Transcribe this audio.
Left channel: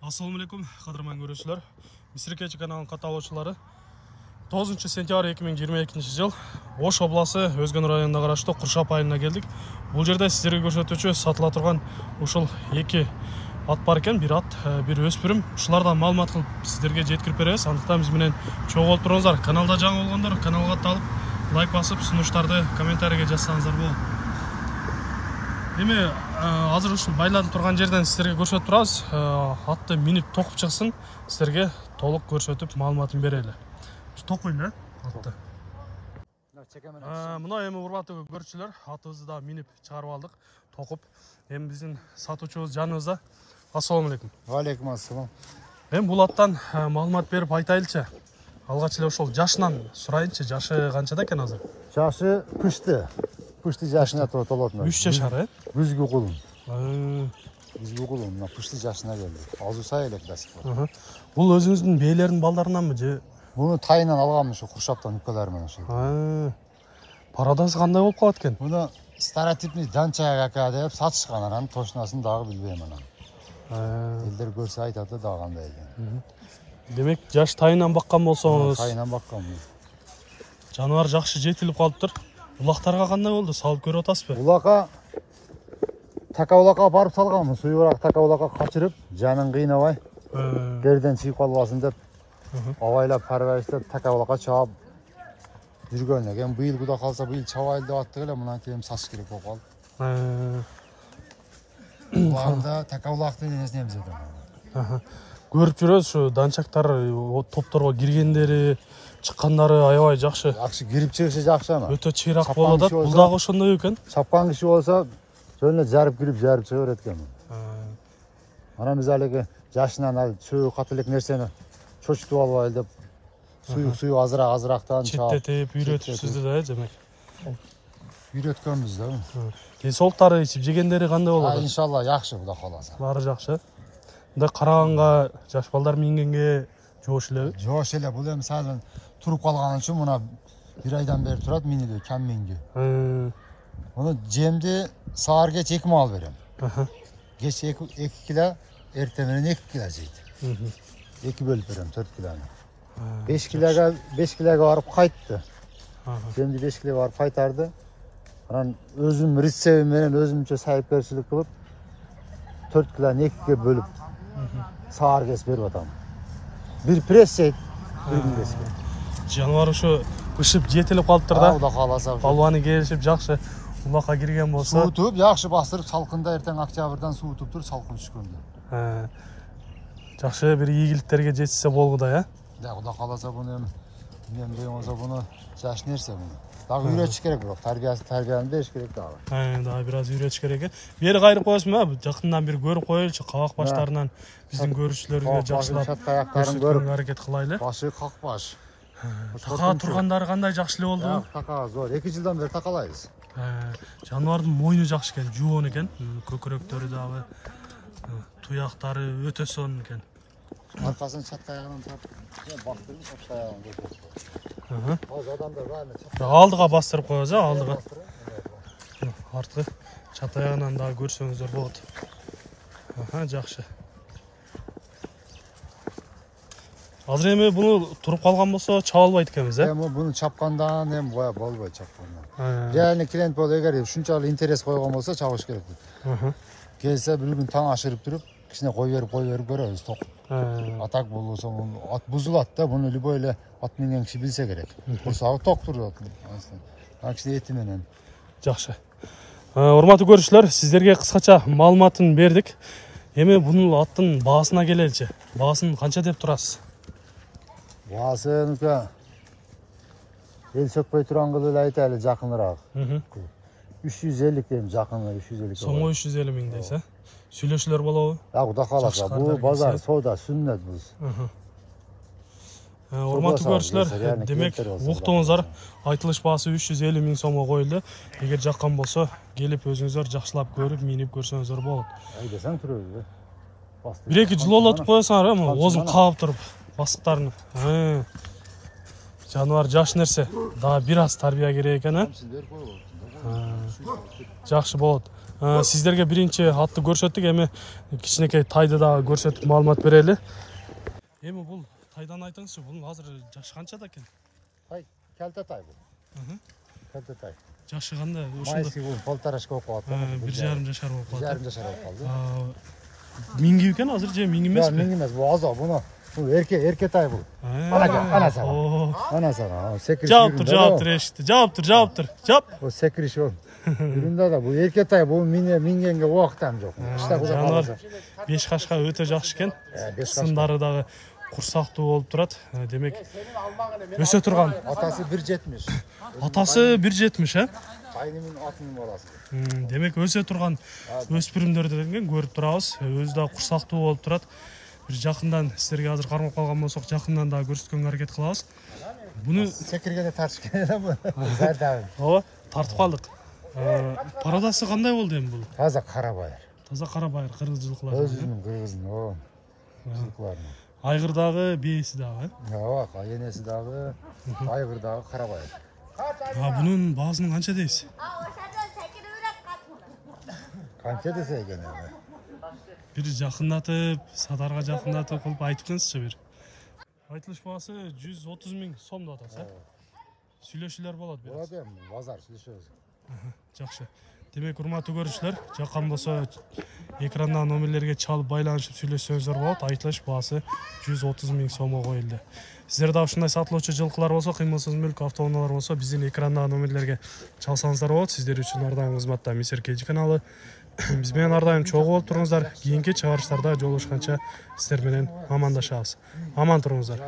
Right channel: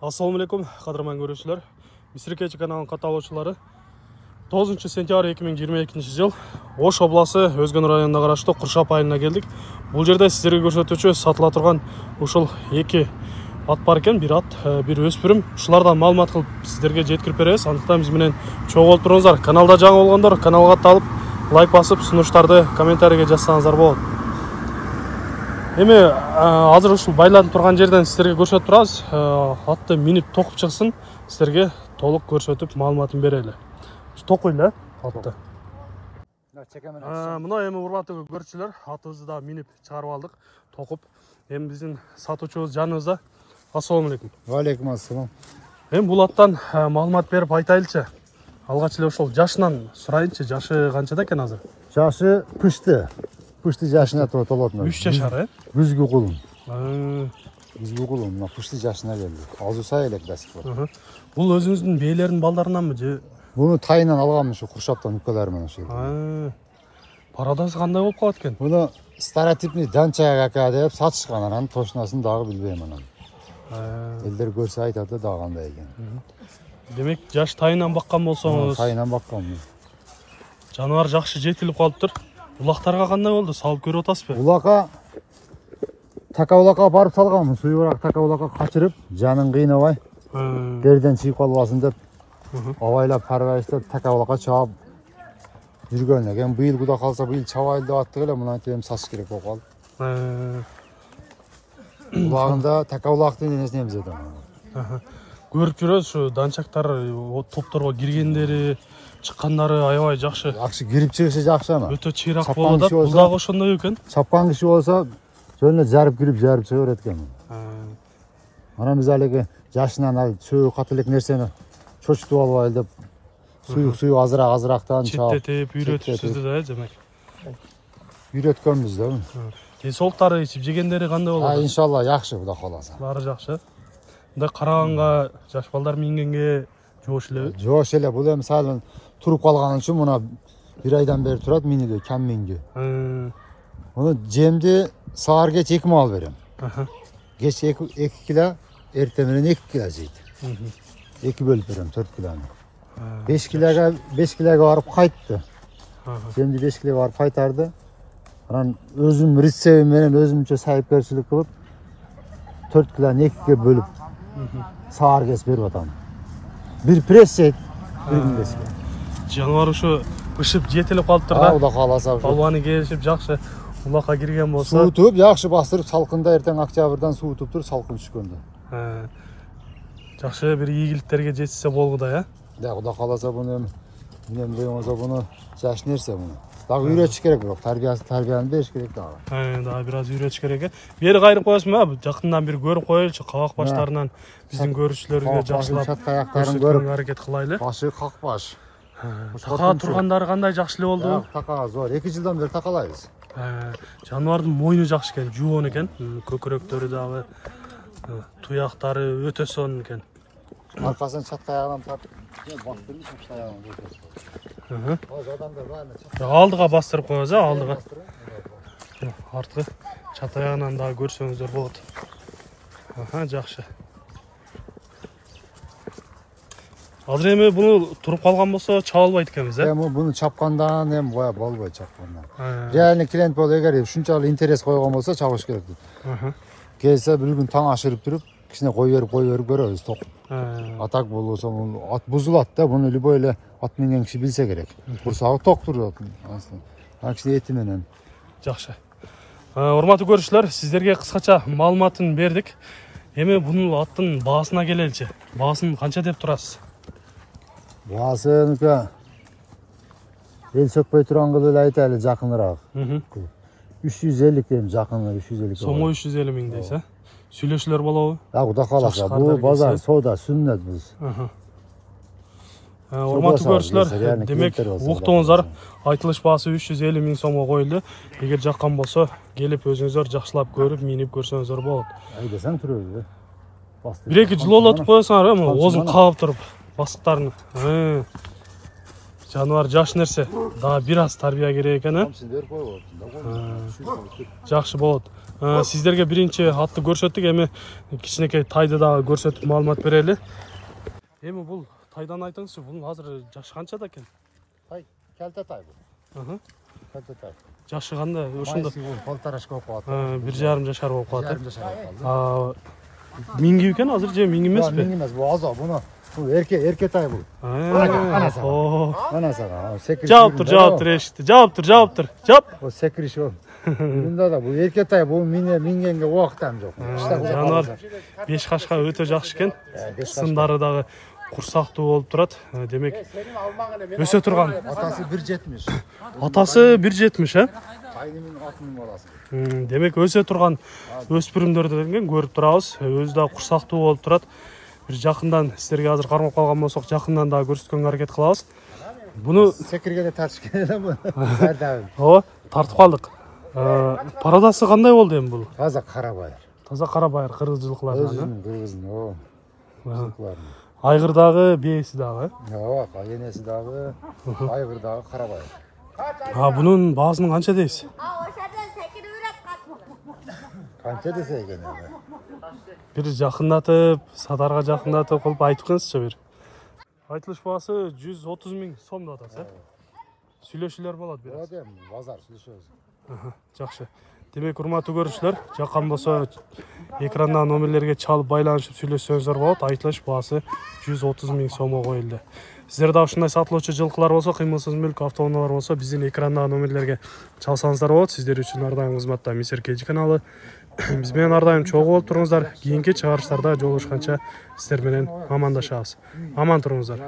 Ассалаумалейкум, қадырман көрушілер. Мисрекечи каналының қаталаушылары. 9 сентябрь 2022 жыл Ош обласы Өзгөн районына қарашты Құршап айылына келдік. Бұл жерде сіздерге көрсетуші сатыла тұрған ушыл екі ат бар екен, бір ат, бір өспірім. Ушылардан маалымат қылып сіздерге жеткіріп береміз. Андықтан біз менен чоң болып тұрыңыздар. Каналда жаңа болғандар каналға талып, лайк басып, ұсыныштарды комментарийге жазсаңыздар болады. Эми азыр ушул байланып турган жерден сіздерге көрсөтүп турабыз. Атты минип токуп чыксын, сіздерге толук көрсөтүп маалыматын берели. Токуйлу атты. Мына эми урматтуу көрүүчүлөр, атыбызды да минип чыгарып алдык, токуп. Эми биздин сатуучубуз жаныбызда. Ассалам алейкум. Ва алейкум ассалам. Эми бул аттан маалымат берип айтайлычы. Алгач эле ошол жашынан сурайынчы, жашы канчада экен азыр? Жашы пышты. Пышты жашына толот. 3 жашар, Күзгү кулум. Күзгү кулум, мына пышты жашына келди. Азыр сай элек басып. Бул өзүңүздүн бээлердин балдарынанбы же? Буну тайынан алгам ушу Куршаптан укаларынан ошо. Парадасы кандай болуп калат экен? Буну стереотипный данчага ака деп сатышкан, анан точносын дагы билбейм анан. Элдер көрсө айтат да дагы кандай экен. Демек, жаш тайынан баккан болсоңуз. Тайынан баккан. Жаныбар жакшы жетилип калыптыр. Улактарга кандай болду? Салып көрүп атасызбы? Улакка такаулакка барып салганмын. Суюгураак такаулакка качырып, жанын кыйнабай, жерден чыгып калбасын деп, абайлап паргайыстап такаулакка чаап жүргөн экен. Быйыл куда калса быйыл чабайлы деп аттык эле, мына тем сатыш керек болуп калды. Убагында такаулактын энесин эмзедим. Көрүп жүрөбүз, ушу данчактар топторго киргендери, чыккандары аябай жакшы. Жакшы кирип чыгышы жакшы ана. Өтө чыйрак болуп атат. Бул дагы ошондой экен. Чапкан киши болсо, жөнүнө жарып кирип, жарып чыга берет экен. Анан биз алеги жашынан ал чөй катылык нерсени чочтуп албайлы деп, суюк азыраактан четтетип, үйрөтүпсүз да, демек. Үйрөткөнбүз да. Ден соолуктары, ичип жегендери кандай болот? Иншалла жакшы, Кудай кааласа. Баары жакшы. Мындай караганга жаш балдар мингенге жоош элеби? Жоош эле. Бул эми мисалы туруп калган үчүн мына 1 айдан бери турат, миниде кам минди. Муну жемди саар кеч 2 маал берем. Кеч 2 кило, эртең менен 2 кило жейт. 2 бөлүп берем, 4 килону. 5 килога барып кайтты. Жемди 5 килога барып кайтарды. Анан өзүм рецебим менен өзүмчө сайыпкерчилик кылып 4 килону 2ге бөлүп саар кес берип атам. Бир пресс жейт, жаныбар ушу пышып жетилип калыптыр да. Кудай кааласа. Балбаны келишип жакшы улакка кирген болсо, суутуп жакшы бастырып, салкында эртең октябрдан суутуп туруп, салкын түшкөндө. Жакшы бир ийгиликтерге жетсе болгудай, Да, Кудай кааласа буну эми болсо буну жаш нерсе буну. Дагы үйрөтүш керек, бирок тарбияны бериш керек дагы. Дагы бир аз үйрөтүш керек экен. Бери кайрып коесузбу? Жакындан бир көрүп коелучу, кабак баштарынан биздин көрүүчүлөргө жакшылап көрсөткөнгө аракет кылайлы. Башы какбаш. Така тургандары кандай жакшы эле болду? Така зор. 2 жылдан бери такалайбыз. Жаныбардын мойну жакшы экен, жуон экен, көкүрөктөрү дагы, туяктары өтө сонун экен. Аркасын чатка аягынан тартып, бактырып алдыга бастырып коебуз, алдыга. Арткы чат аягынан дагы көрсөңүздөр болот. Жакшы. Азыр эми буну туруп калган болсо чаба албайт экенбиз, Буну чапкандан эми болбойт чапкандан. Реальный клиент болуп, эгер ушунчалык интерес койгон болсо чабыш керек. Келсе бир күн таң ашырып туруп, кичине кой берип көрөбүз, ток. Атак болсо ат бузулат да, буну любой эле ат минген киши билсе керек. Курсагы ток турат. Ана кичине эти менен. Жакшы. Урматтуу көрүүчүлөр, сиздерге кыскача маалыматын бердик. Эми бунун аттын баасына келеличи. Баасын канча деп турасыз? Баасын эл сөкпөй турган кылып эле айтайлы, жакыныраак. 350 дейм, жакыны 350. Сомой 350 миң дейсиз, Сүйлөшүлөр болобу? Кудай кааласа. Бул базар соода сүннөт биз. Урматтуу көрүүчүлөр, демек уктуңуздар, айтылыш баасы 350 миң сомго коюлду. Эгер жаккан болсо, келип өзүңүздөр жакшылап көрүп, минип көрсөңүздөр болот. Айдасаң турабыз. 1-2 жыл олотуп коесуңар, озун каап туруп басыктарын. Жаныбар жаш нерсе, дагы бир аз тарбия керек экен, Жакшы болот. Сиздерге биринчи атты көрсөттүк, эми кичинекей тайды дагы көрсөтүп маалымат берели. Эми бул тайдан айтыңызчы, бунун азыр жашы канчада экен? Тай, келте тай бул. Келте тай. Жашы кандай? Ошондо полторашка болуп калат. 1,5 жашар болуп калат. 1,5 жашар болуп калды. Минги экен азыр же минги эмеспи? Минги эмес, бул азо, бул эрке тай бул. Анасы. Жаап тур эшикти. Жаап тур. Жап. О секириш о. Мында да бул эрке тай, бул мингенге убактам жок. Жануар 5 кашка өтө жакшы экен. Сындары дагы курсактуу болуп турат. Демек өсө турган. Атасы 1,70. Атасы 1,70, Тайдын атынын баласы. Демек өсө турган өспүрүмдөрдөн көрүп турабыз. Өзү да курсактуу болуп турат. Бир жакындан сиздерге азыр кармап калган болсок, жакындан да көрсөткөнгө аракет кылабыз. Буну секиргенде тартып келген бу. Ооба, тартып калдык. Пародасы кандай болду эми бул? Таза карабайыр. Таза карабайыр, кыргыз жылкыларынан. Кыргыздын, жылкыларынан. Айгыр дагы, бээси дагы. Ооба, кайенеси дагы, айгыр дагы карабайыр. Бунун баасынын канча дейсиз? Канча десе экен. Бир жакындатып, садарга жакындатып кылып айтып кыңызчы бир. Айтылыш баасы 130 000 сом да атасы. Сүйлөшүүлөр болот бир. Ооба, базар сүйлөшөбүз. Жакшы. Демек, урматтуу көрүүчүлөр, жаккан болсо экрандан номерлерге чалып байланышып сүйлөшсөңүздөр болот. Айтылыш баасы 130 000 сомго коюлду. Сиздер да ушундай сатылуучу жылкылар болсо, кыймылсыз мүлк автоунаалар болсо, биздин экрандагы номерлерге чалсаңыздар болот. Сиздер үчүн ар дайым кызматта Мистер KG каналы. Биз менен ар дайым чогуу болуп туруңуздар. Кийинки чыгарыштарда жолугушканча сиздер менен амандашабыз. Аман туруңуздар.